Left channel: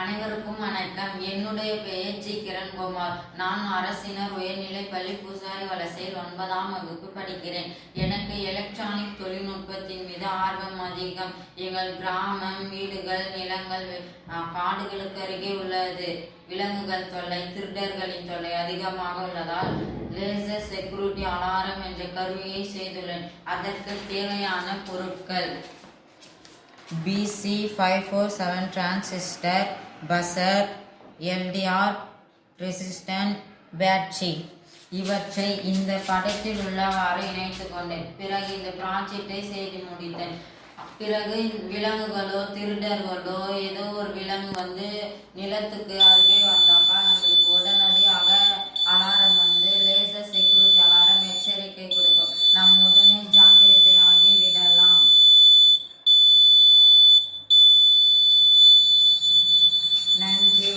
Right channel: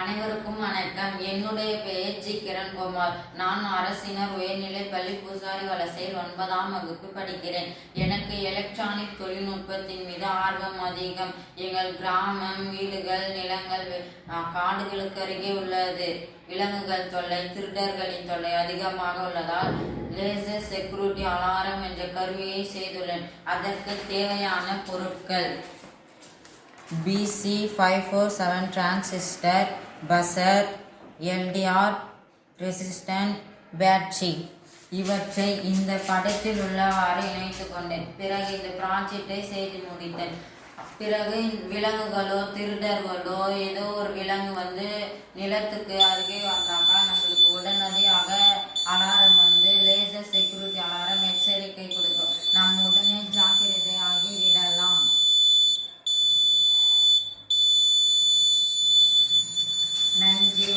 அனைவருக்கும் வணக்கம். என்னுடைய பெயர் ஜி கிரண்குமார். நான் அரசினர் உயர்நிலைப்பள்ளி பூசாரி வலசையில் 9ஆம் வகுப்பு படிக்கிறேன். எனக்கு எலக்ட்ரானிக் தொழில்நுட்பத்தின் மீது ஆர்வம் அதிகம். எங்கள் கிராமம், வீடுகள், நிலங்கள் காடுகளுக்கு அருகே உள்ளது. விலங்குகள் தொல்லை, திருடர்களின் தொல்லை அதிகமாக உள்ளதால் லேசர் செக்யூரிட்டி அலாரம் என்ற கருவியை செய்துள்ளேன். அதற்கு தேவையான பொருட்கள்: BC547 transistor, buzzer, LDR resistant, battery. இவற்றை இந்த படத்தில் உள்ளவாறு இணைத்து கொண்டேன். பிறகு இந்த ப்ராஜெக்டை செய்து முடித்தேன். பிறகு விலங்குகளோ திருடர்களோ ஏதோ ஒரு விலங்கு நிலத்துக்கு அருகே வந்தாக்கா நம்மளுக்கு உடனடியாக அலாரம் லேசர் செக்யூரிட்டி அலாரம் எச்சரிக்கை கொடுக்கும். நாம் உடனே ஜாக்கிரதை ஆகி விடலாம். நன்றி.